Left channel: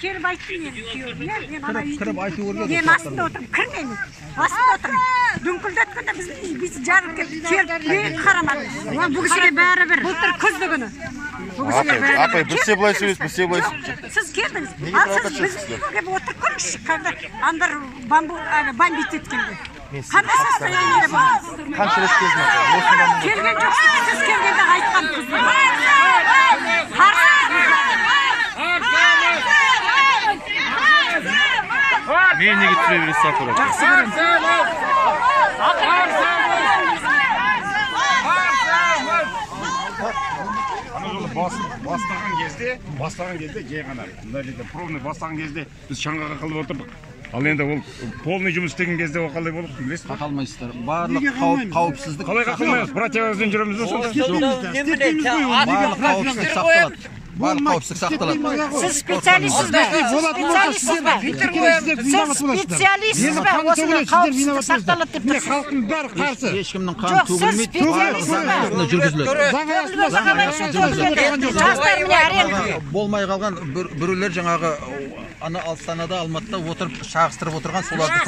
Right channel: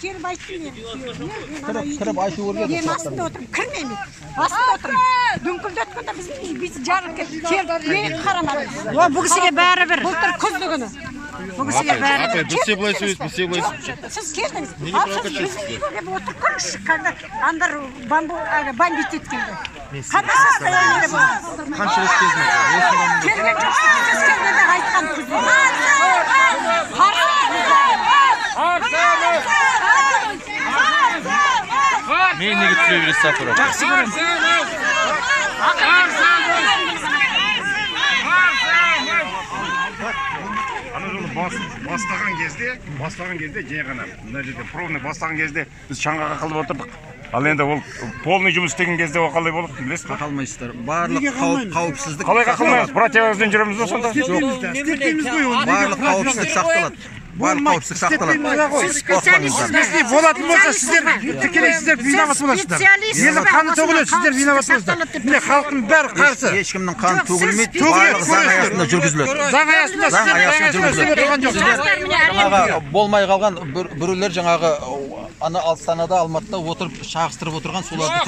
келіп айттым мен күйеуіне, мен астында отырмын, кірмеймін, астында отырмын. Дүңкілдеткенде біз жарып келіп мен қарамадым. Бұл кісіге бәрі бір. Былтыр күзді күні. Бұл кісіге бәрі бір. Сіз келдіңіз. Ал сіз біздің үйге келіп отырып көріңізші, когда андар бомбить еткенде. Қандай состояниеде болды? Қанша рет келдіңіз? Келген жоқсыз, сіз келгенде айтқан күзді. Мен неге түсіре бересіз әкеліп? Жақсы көрем. Бастаған кезде жай ғана мына жерде пробный бастаған кезде біз шаңғаға қылып отырдық. Ал енді ол полный жұмыс істеген кезде ол қалай болады білесіз ба? Қалмайсыздар. Барлық қауіпсіздік қалай қылмаймыз? Противогаздан жүреміз бе сонда? Жоқ. Барлық қауіпсіздік сақталады. Барлық қауіпсіздік сақталады. Сіз специалистсіз бе? Специалистсіз бе? Осыны қауіпсіздік сақталады деп тұрсыз. Халықтың бәрі қарсы. Ешкімнің қаны төгілмейді. Барлық заң аясында жүргізіледі. Заң аясында жүргізіледі. Жастар міне әрең. Болмай қалған біреулер жаңағы ана Астанада, Алматыда отырып шағыстырып отырған соларды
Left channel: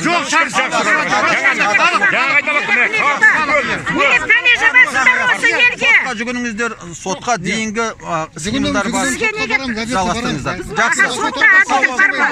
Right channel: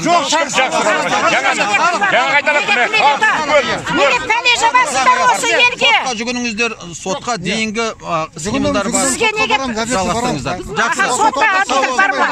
Неге пәле жабасыздар осы елге? сотқа жүгініңіздер, сотқа дейінгі схемалар бар. Сізге неге жалғастырыңыздар. сотта әділдік бар ма?